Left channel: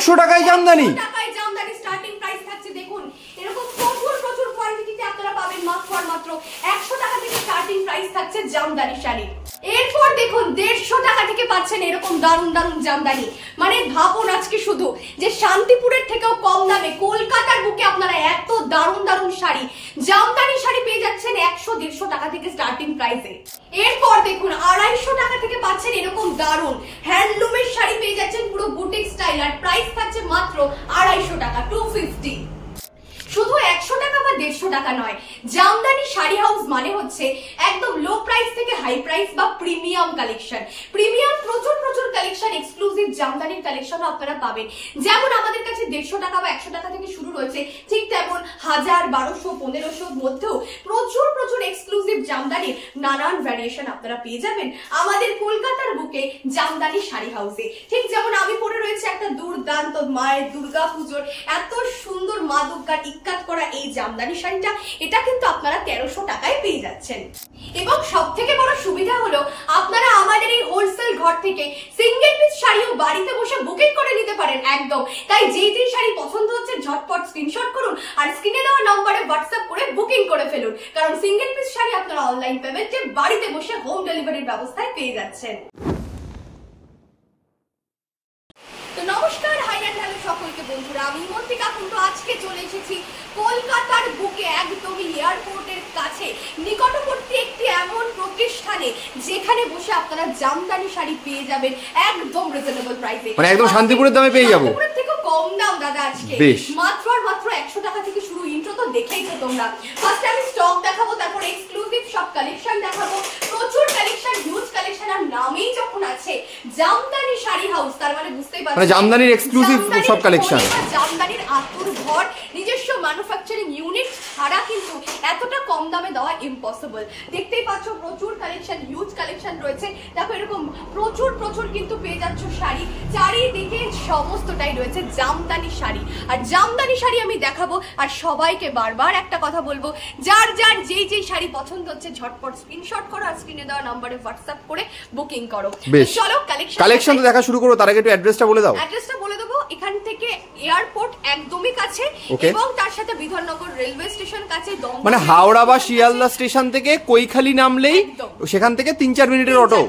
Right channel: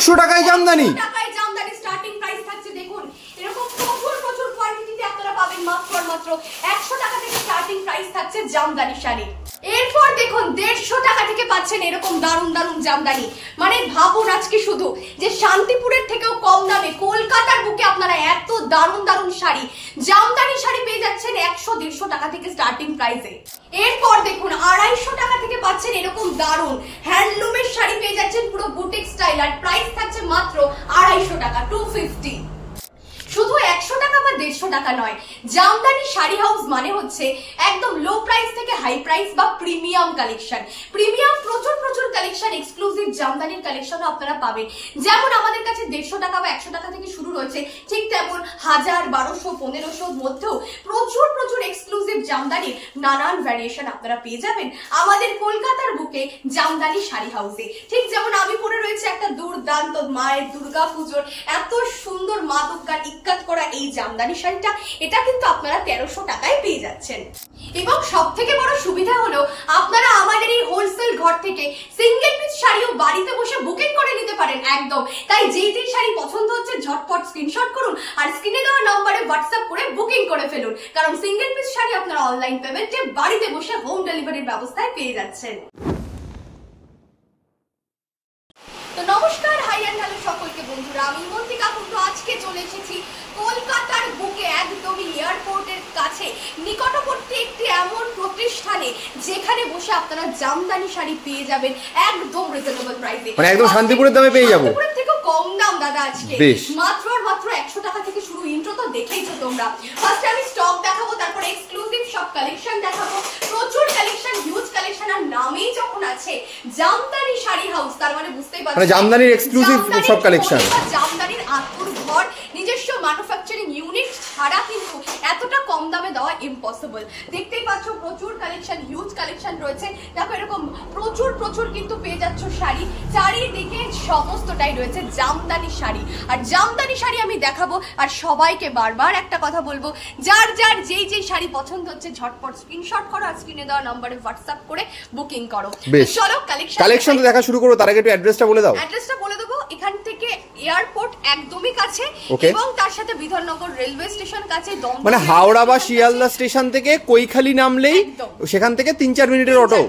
100 টাকায় Jamdani, starting price থাকছে। দেখুন এরকম প্রচুর প্রচুর কোয়ালিটিতে আপনারা পাবেন মাত্র 100 টাকা থেকে স্টার্টিং প্রাইস থাকছে জামদানি শাড়ি। এরপর দেখুন 150 টাকা থেকে পাচ্ছেন এরকম দারুন দারুন জামদানি। মানে ভাবুন আজকে শুধু যে শান্তিপুরের থেকেও কম দামে কলকাতার বুকে আপনারা এত দারুন দারুন শাড়ি, জামদানি শাড়ি পেয়ে যাচ্ছেন 100-150 টাকা থেকে স্টার্টিং প্রাইসে। এরপর দেখুন 250 টাকা থেকে পাচ্ছেন এরকম দারুন হ্যান্ডলুমের শাড়ি পেয়ে যাচ্ছেন পুরো বুটিক স্টাইল, আর প্রাইস থাকছে মাত্র 250 টাকা, 250। শুধু 100 টাকা বা 150 টাকা নয়, জামদানি শাড়ি হাউস মানে হচ্ছে একদম লো প্রাইস থেকে হাই প্রাইস বা প্রিমিয়াম কালেকশন। প্রিমিয়াম প্রচুর প্রচুর কালেকশন, এক্সক্লুসিভ জামদানির কালেকশন আপনারা পাবেন। যেমন আমাদের কাছে 150 টাকা বা 100 টাকা থেকে শুরু রয়েছে, ঠিক তেমন 1000, 1200, 1500 মধ্যেও প্রচুর প্রচুর এক্সক্লুসিভ জামদানির নানান ভ্যারিয়েশন আপনারা পেয়ে যাবেন আমাদের কলকাতার বুকে জামদানি শাড়ি হাউসে। ঠিক যেমন আমি পরে রয়েছে একটা দুর্দান্ত মায়ের দুর্গা পুজোর এত সুন্দর মা দুর্গার ইক্কাত করা এই জামদানি শাড়িটা, এটা কিন্তু আপনারা 1300 টাকায় পেয়ে যাচ্ছেন। এবং সব থেকে বড় সুবিধা হলো আপনারা আমাদের এই হোলসেল ঘর থেকে সিঙ্গেল পিস শাড়িও বাড়িতে বসে বুকিং করে নিতে পারেন একদম। তাই যে শাড়ি পছন্দ হচ্ছে ঝটপট স্ক্রিনশট করুন আর স্ক্রিনে দেওয়া নম্বরে হোয়াটসঅ্যাপ করে বুকিং করে ফেলুন, কারণ সিঙ্গেল পিস শাড়ি আপনারা অনলাইন পেমেন্টে বাড়িতে বসে হোম ডেলিভারির ব্যবস্থায় পেয়ে যাচ্ছেন। তো নমস্কার, হাই এন্ড হ্যালো সকলকে বন্ধুরা, আমি মন্তিকা কুন্ডু আজকে চলে এসেছি কলকাতার বুকে একদমই এয়ারপোর্টের কাছে নিকটবর্তী একটি এমন প্রতিষ্ঠানে যেখানে বসে আপনারা জামদানি শাড়ি পেয়ে যাবেন একদম রিজনেবল প্রাইসে, মানে একদম শান্তিপুরের দামে পেয়ে যাবো। শান্তিপুরের থেকে কম দাম দাদা আজকে মাত্র 100 টাকা থেকে শুরু। ইন্ট্রো তো দেখেইছো তোমরা। ফার্স্টে আমি স্টক দেখাবো, তারপর এক্সক্লুসিভ সব কালেকশন দেখাবো, প্রচুর কালেকশন, হিউজ কালেকশন, আর নামেই যখন আছে জামদানি শাড়ি হাউস তার মানে বুঝতেই পারছেন মানে জামদানির এক্সক্লুসিভ সব কালেকশন। জামদানির আতুর ঘর, নিজস্ব ম্যানুফ্যাকচারিং ইউনিট ছাড়া কিন্তু এতটা কম দামে দেওয়া ইম্পসিবল। দেখতেই পাচ্ছ প্রচুর কালেকশন, হিউজ কালেকশন রয়েছে। দেখো এরকম প্রচুর প্রচুর কিন্তু পেয়ে যাচ্ছ শাড়ি, চারিদিকে সমস্তটাই রয়েছে জামদানি শাড়ি। আর জামদানি শাড়ি আমি দেখাবো, আর সবাইকে বারবার একটা কথা বলবো, যার যার যেই শাড়ি পছন্দ হচ্ছে ঝটপট স্ক্রিনশট করো আর স্ক্রিনে দেওয়া নম্বরে হোয়াটসঅ্যাপ করে বুকিং করো। চলো কালেকশন তো দেখা শুরু করো, তার আগে একটু অ্যাড্রেসটা বলে দাও। অ্যাড্রেসটা বলে দেবো, এখান থেকে এয়ারপোর্ট একদমই কাছে এবং তার সাথে বিধাননগর রেলওয়ে স্টেশন কাছে, মানে হাওড়া বা শিয়ালদা স্টেশন থেকে কৈখালি নামলেই সেখান থেকে 3-4 মিনিটের অটো।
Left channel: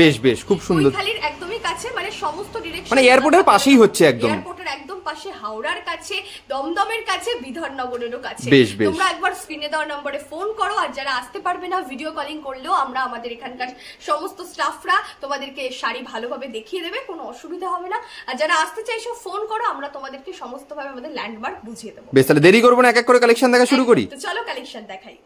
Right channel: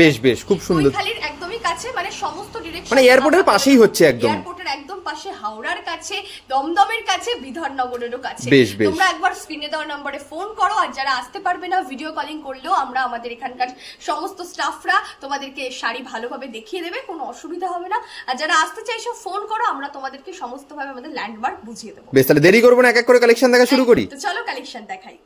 বেশ বেশ, খুব সুন্দর। কৈখালির একদমই কাছে, মানে সমস্ত ডিরেকশন, মানে এয়ারপোর্টের পাশেই হচ্ছে একদম। এয়ারপোর্টের একদম পাশে, হাওড়ার কাছে, দমদমের কাছে, বিধাননগরেরও কাছে। বেশ বেশ, তোমরা একবার স্ক্রিনে দেওয়া নম্বরে ফোন করো, আর যারা আসতে পারবে না ভিডিও কলিং করলেও আমরা আমাদের এখানকার সমস্ত স্টাফরা তোমাদেরকে শাড়ি ভালোভাবে দেখিয়ে দেবে, কোনো অসুবিধা হবে না। আর যারা আসতে চাইছো ফোন করো, আমরা তোমাদেরকে সমস্তভাবে আমাদের ল্যান্ডমার্ক বুঝিয়ে দেবো। বেশ, তাহলে দেরি করবো না, এক এক করে কালেকশন দেখা শুরু করি। তো চলো কালেকশন দেখাই।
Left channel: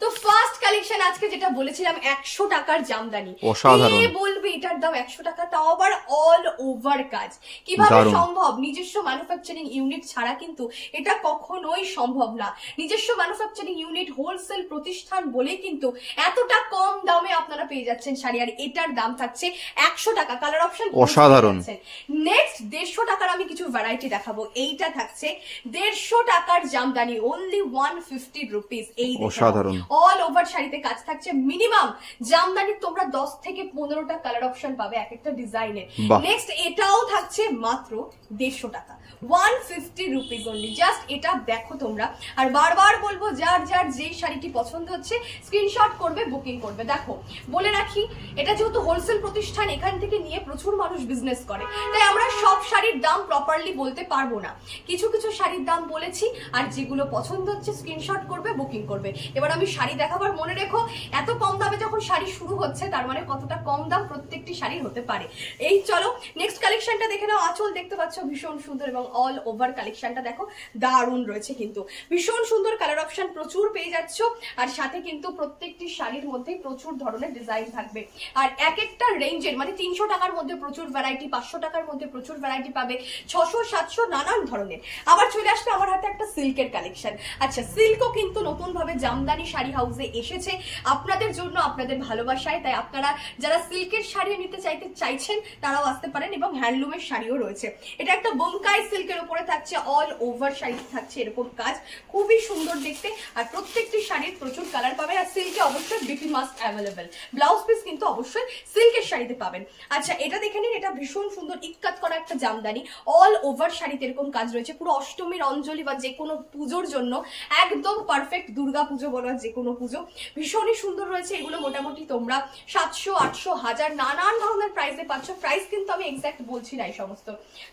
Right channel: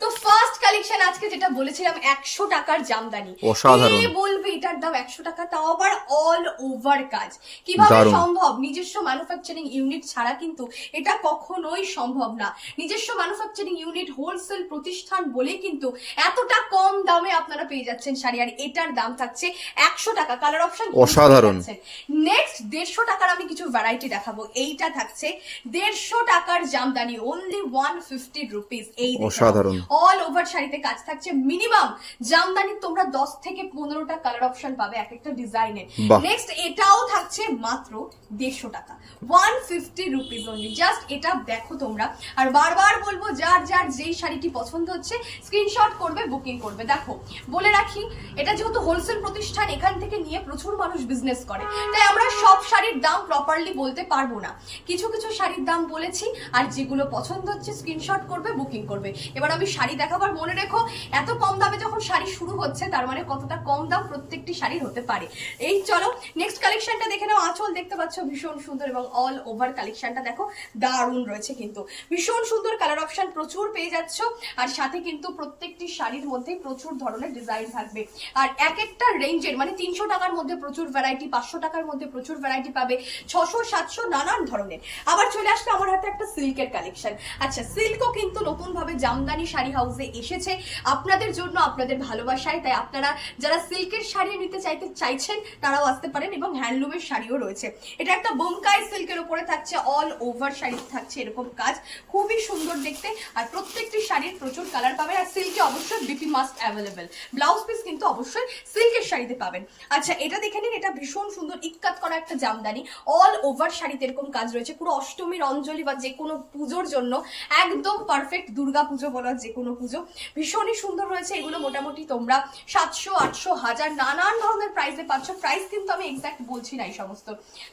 তো ফার্স্ট কালেকশন আজকে যেটা বলেছিলাম 100 টাকার জামদানি, অসাধারণ। কে বলবে এটার দাম 100 টাকা, তাও আবার অল ওভার কাজ। কিভাবে সম্ভব? নিজস্ব ম্যানুফ্যাকচারিং ইউনিট ছাড়া কিন্তু এটা কখনোই সম্ভব না। নিজস্ব ম্যানুফ্যাকচারিং ইউনিট, হোলসেল প্রতিষ্ঠান বলে কিন্তু এতটা কম দামে আপনারা পেয়ে যাচ্ছেন শাড়ি, আর এটার দাম থাকছে 100 টাকা। কালার অপশন অসাধারণ। নেক্সট 150 টাকার আমি কিছু ভ্যারাইটি দেখাবো। এইটা থাকছে 150 টাকার জামদানি, অনলি 150 রুপিস। এই অসাধারণ অল ওভার শাড়িতে কাজ থাকছে। মিনিমাম জামদানি তোমরা 10 থেকে 15টা কালার অপশন পাবে এক একটা ডিজাইনে। নেক্সট এটাও থাকছে মাত্র 150 টাকা, 150 রুপিস অনলি। জাস্ট এটা দেখো তোমরা। আর বারবার বলবো, যার যার যেই শাড়িটি পছন্দ হচ্ছে স্ক্রিনশট করবে, বুকিং করবে। দেখো বলে রাখি, এটা যেহেতু হোলসেল প্রতিষ্ঠান, এখান থেকে নিয়ে প্রচুর মানুষ বিজনেস করে, তাই আমরা সব শাড়ির দাম প্রপারলি বলতে পারবো না। কিছু কিছু শাড়ির দাম বলেছি, আর যেগুলো পছন্দ হচ্ছে স্ক্রিনশট করবে, বুকিং করবে। এবার আমি শাড়ি দেখাবার, মনে রেখো এত কম দামে যখন শাড়ি শুরু হচ্ছে তার মানে কতটা কম দাম প্রত্যেকটি শাড়ির হতে পারে। এই চলো নেক্সট কালেকশনটা দেখে নাও। আঁচল দেখতে পাচ্ছ ভীষণ সুন্দর, এবং অল ওভার কালেকশনটা দেখো দারুণ রয়েছে কিন্তু, ভীষণ সুন্দর কালার অপশন প্রচুর পেয়ে যাচ্ছ। আর সাথে কিন্তু প্রত্যেকটি শাড়ির মধ্যে প্রচুর ধরনের ডিজাইন থাকবে, আর এক একটা রেঞ্জের, মানে 300 টাকার মধ্যে প্রচুর ভ্যারাইটি, 500 টাকার মধ্যে প্রচুর ভ্যারাইটি পাবে, 600, 700 নানান ধরনের। আবার চলে আসবে আমার হাতে একটা সিল্কের কালেকশন। আচ্ছা, সিল্কও কিন্তু নতুন ভাবে জামদানি শাড়ি হাউসে এসেছে আপনাদের জন্য, আপনাদের আপনাদের ভালোবাসায়, তাই আপনারা যারা সিল্কের শাড়ি নিতে চাইছেন তারাও আসতে পারেন, এবং হ্যান্ডলুমের শাড়িও রয়েছে। এটা একটা বোমকাই সিল্কের উপরে থাকছে, অল ওভার শাড়ি থাকছে এরকম কাজ, খুবই সুন্দর দেখতে। আর প্রত্যেকটি শাড়ির প্রচুর কালার পাবেন, আর সিল্কে অবশ্যই BP must available, blouse piece কিন্তু অবশ্যই সিল্কের শাড়িতে পাবেন। আচ্ছা, এটা দেখে নিন, এটা ভীষণ সুন্দর ইক্কাত করা একটা জামদানি, অল ওভার শাড়িতে এরকম কাজ রয়েছে, পুরো অষ্টমীর অঞ্জলি বা যে কোনো পুজোর জন্য একদম পারফেক্ট, দুর্গা পুজো বলো যে কোনো পুজো, ভীষণই সুন্দর রয়েছে। এগুলো মোটামুটি তোমরা 700, 800, 1000 নানান ধরনের প্রাইসে পাচ্ছ, প্রাইস কিন্তু আমি এক্সাক্ট বলছি না এই সমস্ত।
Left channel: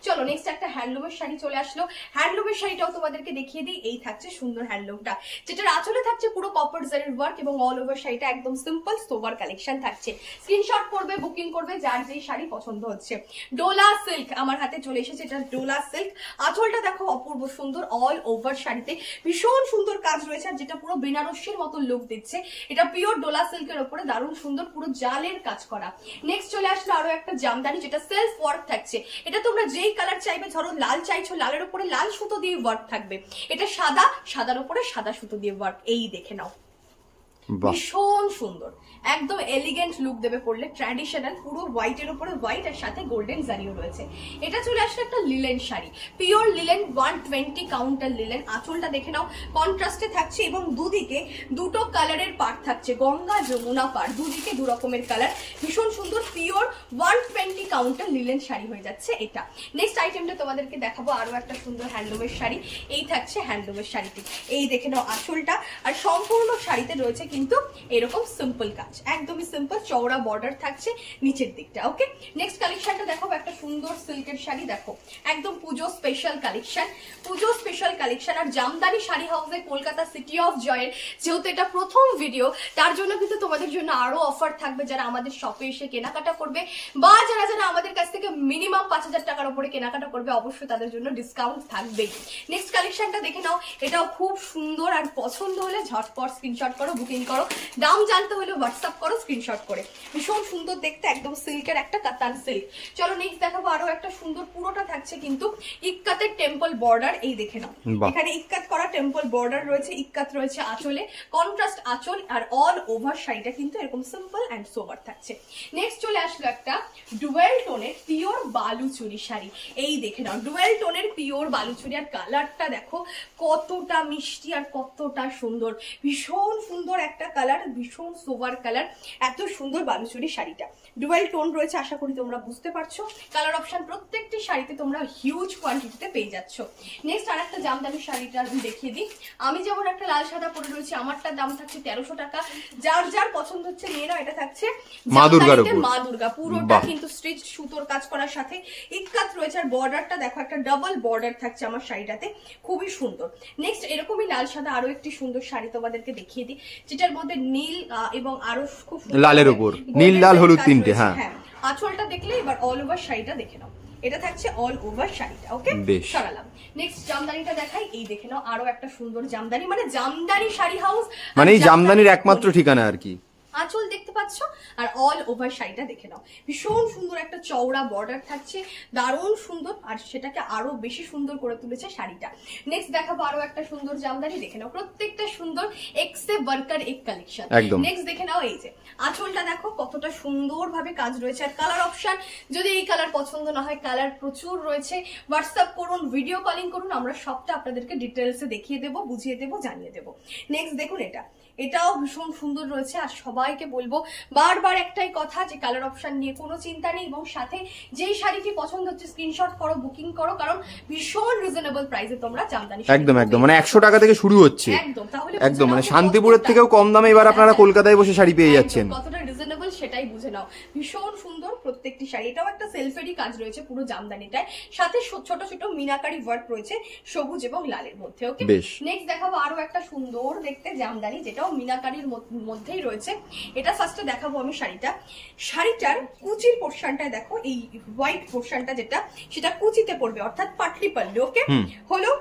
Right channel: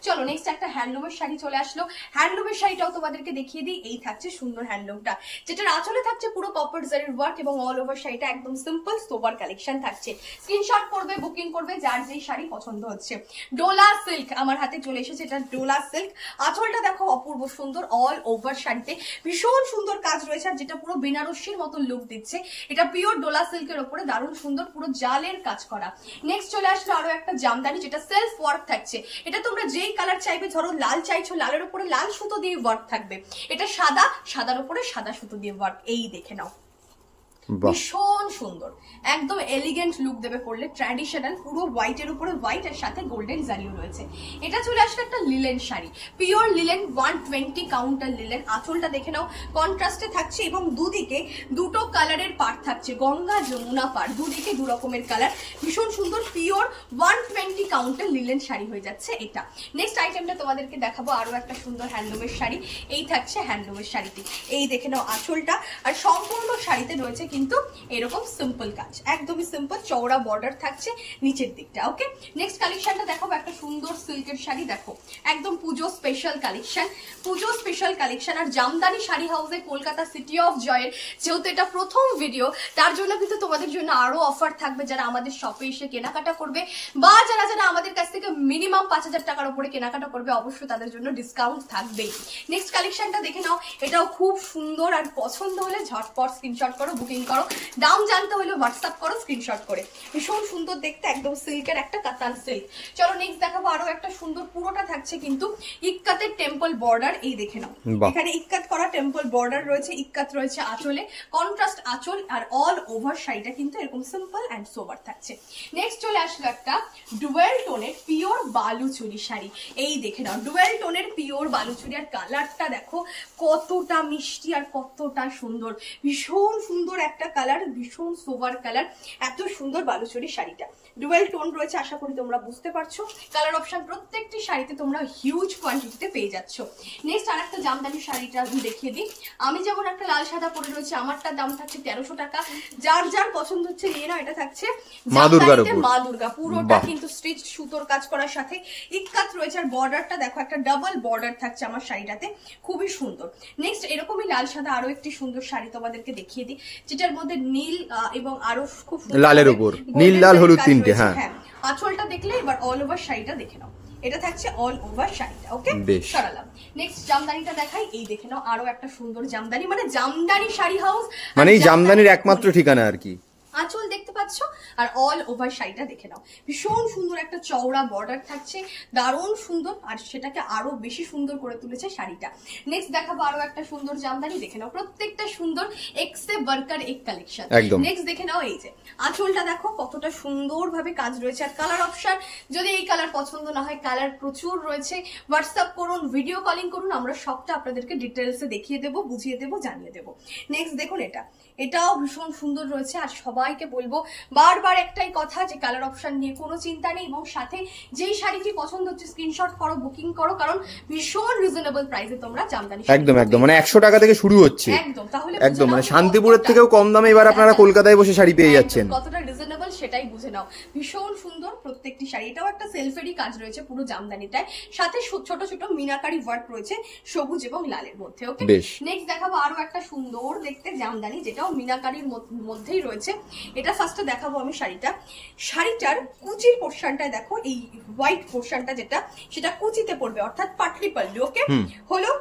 চলো নেক্সট একটা হ্যান্ডলুমের শাড়ি চলে আসলো, হ্যান্ডলুমের শাড়িটাও তোমাদেরকে দেখিয়ে দিই। এই থাকছে সুন্দর হ্যান্ডলুমটা, যেটার আঁচলে থাকছে পুরো কপার জারির ওয়ার্ক, এবং অল ওভার শাড়িটা একদম সিম্পল সোবার কালেকশন থাকছে। স্ক্রিনশট করবে, বুকিং করবে যার যেই শাড়ি পছন্দ হচ্ছে। ডোলা সিল্ক আমার হাতে চলে এসেছে, এটা ডোলা সিল্ক, আঁচলটা দেখো অপূর্ব সুন্দর, অল ওভার শাড়িতে ভীষণ সুন্দর কাজ রয়েছে, আর যেটা পুরো বেনারসির মতো লুক দিচ্ছে। এটা পিওর ডোলা সিল্কের উপরে দারুণ সুন্দর পুরো জালের কাজ করা। নেক্সট চলে আসলো আরো একটা জামদানি, যেটা সেলফ ওয়ার্ক থাকছে। এটা তোমরা যেই কালার চাইবে, ধরো লাল চাইছো, লালের উপরে লাল সুতো দিয়ে ওয়ার্ক থাকবে, এটা সাদা, সাদার উপরে সাদা সুতো দিয়ে ওয়ার্ক, এই দেখে নাও, ভীষণ সুন্দর, একদম এলিগেন্ট লুক দেবে পরলে, ট্র্যাডিশনাল, পুরো হোয়াইটের উপরে হোয়াইট, আর সাথে গোল্ডেন জারিও রয়েছে। এটা চলে আসলে একটা linen sari, pure linen, 120 counter linen. আঁচলটা দেখে নাও কন্ট্রাস্টে থাকছে, এবং দুদিকে দুটো কালারের পাড় থাকছে, গঙ্গা যমুনা পাড়, দুদিকে দু রকমের কালার, ভীষণ সুন্দর, পিওর 120 কাউন্টার লিলেন শাড়ি হয়ে যাচ্ছে এটা। নেক্সট আইটেমটা তোমাদেরকে দেখাবো আরো একটা সুন্দর হ্যান্ডলুমের শাড়ি, এই থাকছে হ্যান্ডলুমের শাড়িটি, এই দেখে নাও আঁচলটা, আর সম্পূর্ণ শাড়িতে রয়েছে কিন্তু এরকম সিম্পল কাজ, একদমই সিম্পল, চওড়া বর্ডার থাকছে নিচের দিকটা। ওকে, নেক্সট কালেকশনটা দেখাবো, একটা সুন্দর সিল্কের শাড়ি, দেখো একদম পুজো স্পেশাল কালেকশন, পুজো স্পেশাল কালেকশন। আর জামদানি শাড়ি হাউসে কলকাতা সিটি অফ জয়ের যেহেতু এটা প্রথম ভিডিও, তার জন্য কিন্তু তোমাদের জন্য আরো অফার থাকবে, যারা আমাদের শপে এসে কেনাকাটা করবে, বা যারা যারা আমাদের কাছ থেকে মিনিমাম 5000 টাকার উপরে কেনাকাটা করবে, অবশ্যই তাদের জন্য ডিসকাউন্ট থাকবে। নেক্সট কালেকশনটা দেখে নাও, এটাও খুব সুন্দর, আর পছন্দ হলে ঝটপট স্ক্রিনশট করো, বুকিং করো, দাম জানতে হলে হোয়াটসঅ্যাপ করো স্ক্রিনশট করে। ভীষণ সুন্দর দেখতে, একদম সিল্কের একটা কাতান সিল্ক। চলো নেক্সট দেখাবো আরো একটা সুন্দর, পুরোটা থাকছে কিন্তু ইক্কাতের টেম্পল বর্ডার, এই দেখে নাও, এখানে ইক্কাত করা টেম্পল বর্ডার রয়েছে, ইক্কাত রয়েছে আঁচলে, কন্ট্রাস্ট আঁচল, আর অল ওভার শাড়িটা কিন্তু এরকম সিম্পল এন্ড সোবার থাকছে। নেক্সট চলে আসলো একটা ডুয়েল টোনের পিওর বালুচুরি শাড়ি, এই দেখে নাও, ডুয়েল টোনের পিওর বালুচুরি, আর কালারটা দেখো কতটা মিষ্টি আর কতটা সুন্দর, ভীষণ সুন্দর একটা কালার, ভীষণ সোবার কালার, এত সুন্দর বালুচুরি শাড়িটা। ডুয়েল টোন রয়েছে, আশা করি তোমরা বুঝতে পারছো, কালার অপশন প্রত্যেকটি শাড়িতে তোমরা হিউজ কোয়ান্টিটিতে পেয়ে যাচ্ছ। নেক্সট আরেকটা জামদানি শাড়িটা দেখিয়ে দিই, আমি যেমন একটা লাল সাদা পরে রয়েছে, আমারটার দাম থাকছে 1300 টাকা, যার যার পছন্দ হচ্ছে নিয়ে নাও। এটা থাকছে মা দুর্গার উপর, মা দুর্গা, পুরোটা কিন্তু স্টিচ সুতোর কাজ করার সাথে ইক্কাত রয়েছে, আর বর্ডারটা দেখো একটা ডাবল বর্ডার থাকছে আমার শাড়িটাতে, খুবই সুন্দর। নেক্সট এরকমই লাল সাদা আরো একটি সুন্দর শাড়ি তোমাদেরকে দেখিয়ে দিই, যেটার মধ্যে নীল এবং আরো খুব লালের উপর নীল লাল হলুদ তিনটে, হ্যাঁ। আঁচলটা দেখলে এবার অল ওভার শাড়িটা দেখে নাও, এটা থাকছে অল ওভার শাড়িটা। ওকে, সরালাম। নেক্সট জামদানিটা দেখাই, এই দেখে নাও আরো একটা সুন্দর জামদানি, মানে জামদানি শাড়ি হাউস মানে এই জামদানির একমাত্র ঠিকানা আর কি। আঁচল দেখতে পাচ্ছ, আর অল ওভার শাড়িটা দেখে নাও, ভীষণ সুন্দর একটা চওড়া বর্ডার থাকছে, দারুণ সুন্দর, আর সেটাকে আরো বেশি সুন্দর করে তুলেছে শাড়িটা। নেক্সট দেখাবো আরো একটা সুন্দর জামদানি, দেখে নাও প্রত্যেকটা সুন্দর, এক্সে ওয়ার্কার এক কালেকশন। নেক্সট দেখে নাও, এই যে আঁচলটা দেখো কতটা সুন্দর ভাবে কাজ রয়েছে, আর কালার অপশন যদি এই কালার পছন্দ না হয়, কালার প্রচুর রয়েছে, হোয়াটসঅ্যাপ করুন, ভিডিও কলিং করুন, আমরা সবটা আপনাদেরকে ডিটেলসে দেখিয়ে দেবো, বুঝিয়ে দেবো, জানিয়ে দেবো। নেক্সট দেখুন, এটাও ভীষণ সুন্দর রয়েছে, আর সবাইকে বলবো বারবার একটাই কথা, যে কালার অপশন নিয়ে কোনো চিন্তা নেই, এবং সাথে যেই শাড়িটি পছন্দ হচ্ছে স্ক্রিনশট করো, বুকিং করো, কারণ ভীষণ রিজনেবল প্রাইসে তোমরা জামদানি একদম মানে 100 টাকা থেকে শুরু হচ্ছে, একদম মানে শান্তিপুরের থেকেও কম দামে এবার আপনারা কলকাতায় বসে শাড়ি পেয়ে যাচ্ছেন, কতটা রিজনেবল সেটাই বুঝে নাও। ভীষণ সুন্দর প্রত্যেকটি শাড়ি, এটাও একটা সেলফেরই কাজ রয়েছে পুরো জামদানিটায়, সাথে ছোট ছোট মিনাকারি ওয়ার্ক রয়েছে সবুজ এবং লালের মধ্যে। ওকে, নেক্সট দেখাবো আরো একটা সুন্দর দেখতে জামদানি, যেটাও মিনাকারির মধ্যেই রয়েছে। এটা ফার্স্টে দেখাবো আমি শাড়িটার কুচির পোর্শনটা দেখো, এই হোয়াইট পোর্শনটা যেটা, সেটা কুচিতে পড়বে, অর্থাৎ পাটলি পাল্লু। ওকে, হলো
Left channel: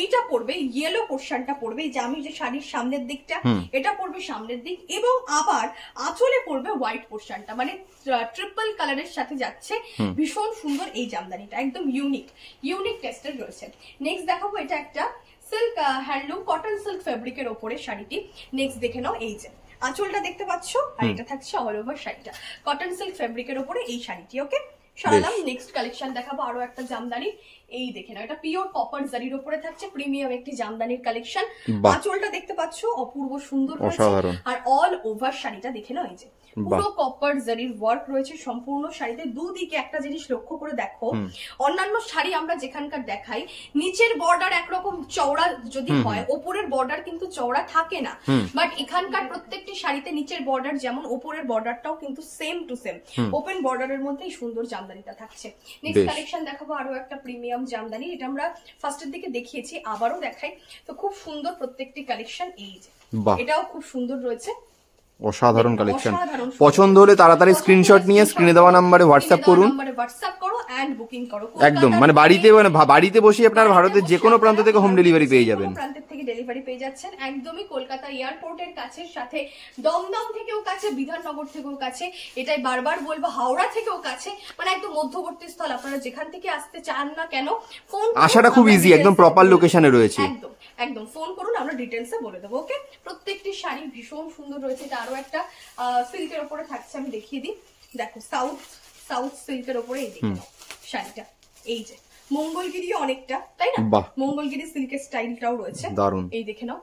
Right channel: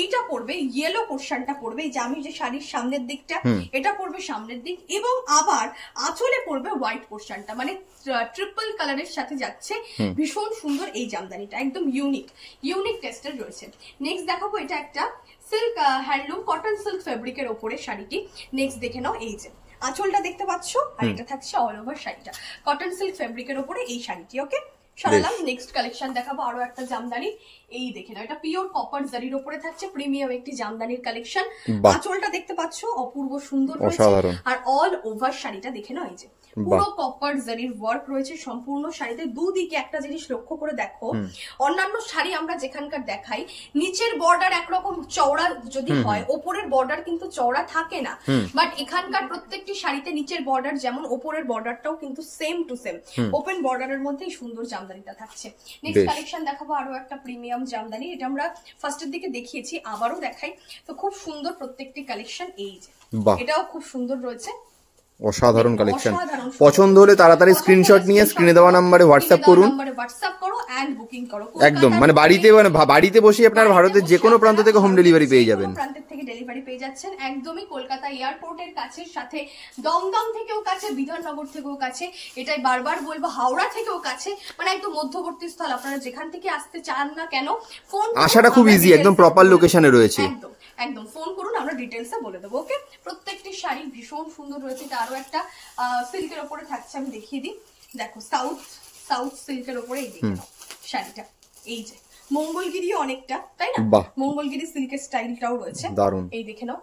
এইটা পড়বে, ইয়েলো পোর্শনটা পড়বে, যে আমি যে শাড়ির সামনের দিকটা, এটা পড়বে সামনের দিক, এবং আবার আঁচলে পড়বে হোয়াইট পোর্শনটা, মানে ট্রিপল কালারের সাথে যাচ্ছে, ভীষণ সুন্দর এই জামদানিটা, একদম ইউনিক টেস্টের রয়েছে। নেক্সট দেখাবো, এটা একটা সিল্ক হ্যান্ডলুম কটন সিল্ক ফেব্রিকের ওপরে শাড়িটি। নেক্সট দেখে নাও, এই যে আঁচলটা দেখতে পাচ্ছ, আর এটা থাকছে অল ওভার শাড়িটা কটন সিল্ক ফেব্রিকের উপরে এই শাড়িটি। ওকে, সরালাম। নেক্সট কালেকশন দেখাবো আরো একটা জামদানি। এই দেখে না, এটা পিওর কপার জারির উপরে থাকছে প্রিমিয়াম একটি জামদানির কালেকশন। আঁচলটা দেখতে পাচ্ছ অপূর্ব সুন্দর রয়েছে, আর অল ওভার শাড়িটা দেখে নাও, এই যে পুরো কপার জারির ওয়ার্ক রয়েছে সম্পূর্ণ শাড়িতে। দুদিকে একটা জিনিস লক্ষ্য করে দেখো, অন্যান্য শাড়ি আমরা যেখানকার দেখাই নিচের বর্ডার একরকম চওড়া যদি হয়, ওপরের বর্ডার কিন্তু চওড়া থাকে না, বাট এখানকার প্রত্যেকটি শাড়িতে নিচের বর্ডার যেমন ওপরের বর্ডারটাও কিন্তু সেম টু সেম ওপেন বর্ডারের মধ্যেই সুন্দর জামদানিটা থাকছে। নেক্সট কালেকশন দেখাবো আরো একটা প্রিমিয়াম জামদানি। এটা আমরা ফার্স্টের দিকে দেখিয়েছি, আবারও দেখাই। তো খুব সুন্দর প্রত্যেকটি কালেকশন, এই যে এটাও খুব সুন্দর রয়েছে, অসাধারণ কালেকশন। পছন্দ হলে তাড়াতাড়ি স্ক্রিনশট নিয়ে স্ক্রিনে দেওয়া নম্বরে হোয়াটসঅ্যাপ করুন, একদম মানে বাড়িতে বসে আপনার ভারতের যে কোনো প্রান্ত থেকে হোম ডেলিভারি পেয়ে যাবেন। প্রান্তের থেকে ডেলিভারি পেয়ে যাচ্ছেন একদমই কলকাতা এয়ারপোর্টের কাছে, সাথে দমদম থেকেও কাছে, বিধাননগর থেকেও কাছে, এটাই বারবার বলবো, হাওড়া থেকেও কাছে, মানে একদম মধ্যবর্তী স্থল। আপনারা যেখান থেকে আসতে চান না কেন, ফোন আসাটা খুব ইজি, একদম প্রপার লোকেশনে রয়েছে। একদম একদম ফোন করুন, আমরা ডিটেইলসে বলে দেবো। ওকে, প্রত্যেকটি শাড়ি ভীষণ সুন্দর রয়েছে। এটা আরো একটা সিল্কের উপরে থাকছে, আমি দেখিয়ে দিই। দেখো সাউথ সিল্কের উপরে এই শাড়িটা, এই যে মঙ্গলগিরি অনেকটা, তাই না? মঙ্গলগিরি সিল্কের স্টাইলটাও রয়েছে, দারুণ। এই দেখে নাও।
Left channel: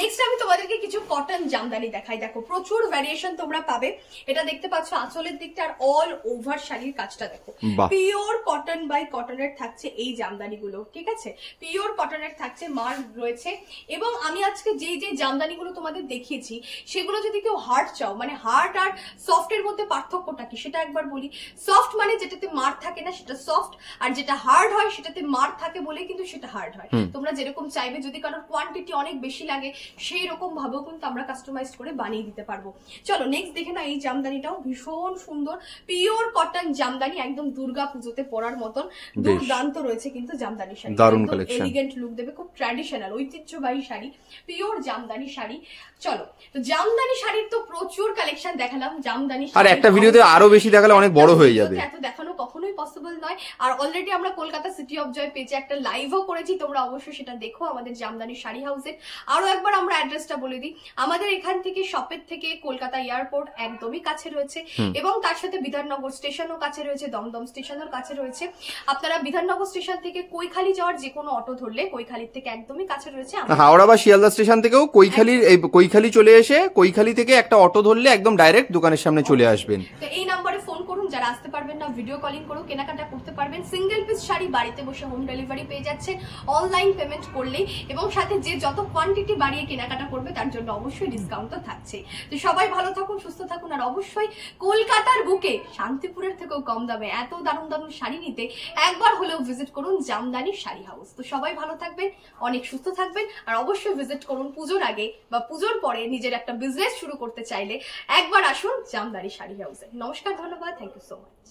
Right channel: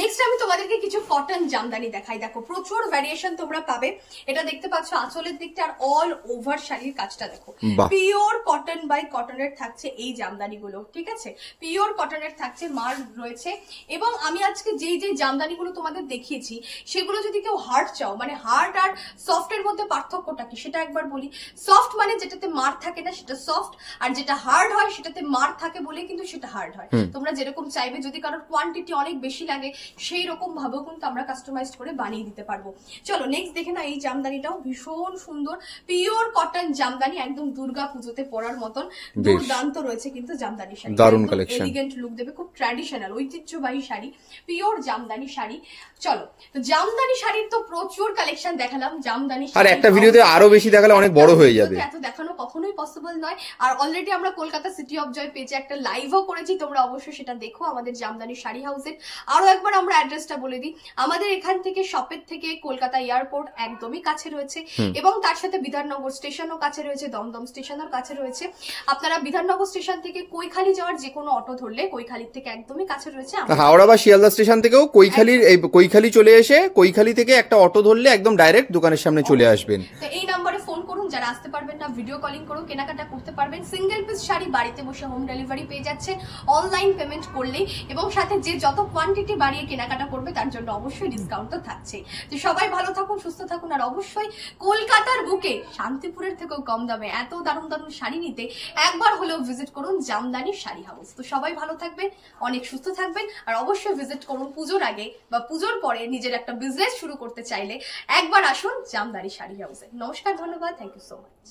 নেক্সট আমি তোমাদেরকে কিছু কটন জামদানি দেখাই। দেখো প্রচুর ভ্যারিয়েশন তোমরা পাবে। এটা দেখতে পাচ্ছ আঁচলের দিকটা, আর অল ওভার শাড়ির কাজটা দেখো, পিওর কটন বাই কটনের থাকছে এই জামদানি গুলো, ঠিক আছে? পিওর কটনের থাকছে, মার রয়েছে। এবং আমি আজকে যেই জামদানি গুলো তোমাদের দেখিয়েছি, সেগুলো যদি কেউ হার্ড চাও, মানে হার্ড আর সফটের মধ্যে পার্থক্যটা কি সেটা একবার বলি। সফট মানে যেটাতে মার থাকে না সেটা সফট, আর যেটা হার্ড হয় সেটাতে মার থাকে বলে কিন্তু সেটা হার্ড হয়। তোমরা যেরকম চাইবে, যদি কারোর কোয়ান্টিটি অনেক বেশি লাগে সেই রকম ভাবেও কিন্তু আমরা কাস্টমাইজ করে বানিয়ে দিতে পারবো। চলো নেক্সট দেখে না, এই জামদানিটাও ভীষণ সুন্দর, পিওর কটন জামদানি, একদম দুর্গা পুজোতে পরার মতন দুর্দান্ত রয়েছে কিন্তু জামদানি শাড়ি, দারুণ কালেকশন, এলিগেন্ট লুক দেবে, খুব ট্র্যাডিশনাল ঐতিহ্যবাহী শাড়ি, পিওর জামদানি শাড়ি। চলো, তো জামদানি শাড়ির তো প্রচুর কালেকশন দেখালাম, জামদানি আর একটা ভিডিওতে আরো বেশি দেখালে অনেক বড় হয়ে যাবে, এত দেখানো কখনোই পসিবল নয়। আর অলরেডি আমরা কলকাতা সিটি অফ জয় পেজে একটা লাইভও করেছি, তোমরা অবশ্যই সেটা দেখো আমাদের জামদানি শাড়ি হাউসের। আরো একবার আমরা অ্যাড্রেসটা বলে দিই, আমাদের এখান থেকে শপের থেকে কলকাতা এয়ারপোর্ট একদমই কাছে রয়েছে, এবং তার সাথে বিধাননগর স্টেশনও কাছে রয়েছে, দমদম স্টেশনও কাছে রয়েছে। আপনারা বিধাননগর স্টেশন থেকে কৈখালি যাওয়ার যে কোনো অটো ধরলে কৈখালির থেকে একদমই কাছে রয়েছে। হাওড়া বা শিয়ালদা স্টেশন থেকেও কৈখালি চলে এসে কৈখালি থেকে একটা অটো ধরলে একদম ডাইরেক্ট দোকানের সামনে চলে আসবেন। তো এই নম্বরে ফোন করুন, যারা আসতে পারবেন না ভিডিও কলিং করুন, কেনাকাটা করতে পারবেন। সিঙ্গেল পিস শাড়ি বাড়িতে বসে হোম ডেলিভারি পেয়ে যাচ্ছে অনলাইন পেমেন্ট করলেই, এবং সাথে যে যত কোয়ান্টিটি বাড়িয়ে কেনাকাটা করবে তার জন্য অবশ্যই ডিসকাউন্ট তো থাকছে। তো সবাই ভালো থাকুন, সুস্থ থাকুন, আর অবশ্যই কলকাতার বুকে শান্তিপুরের থেকেও কম দামে এত দারুণ দারুণ শাড়ি নিতে একবার হলেও ভিজিট করুন জামদানি শাড়ি হাউস। তো সবাই ভালো থাকবেন, অনেক সুস্থ থাকবেন, আর অবশ্যই ভিজিট করুন পুজোর আগে বা পুজোর পরে নিজের একটা বিজনেস শুরু করতে চাইলে একবার আসুন জামদানি শাড়ি হাউসে। নমস্কার, ধন্যবাদ, থ্যাংক ইউ সো মাচ।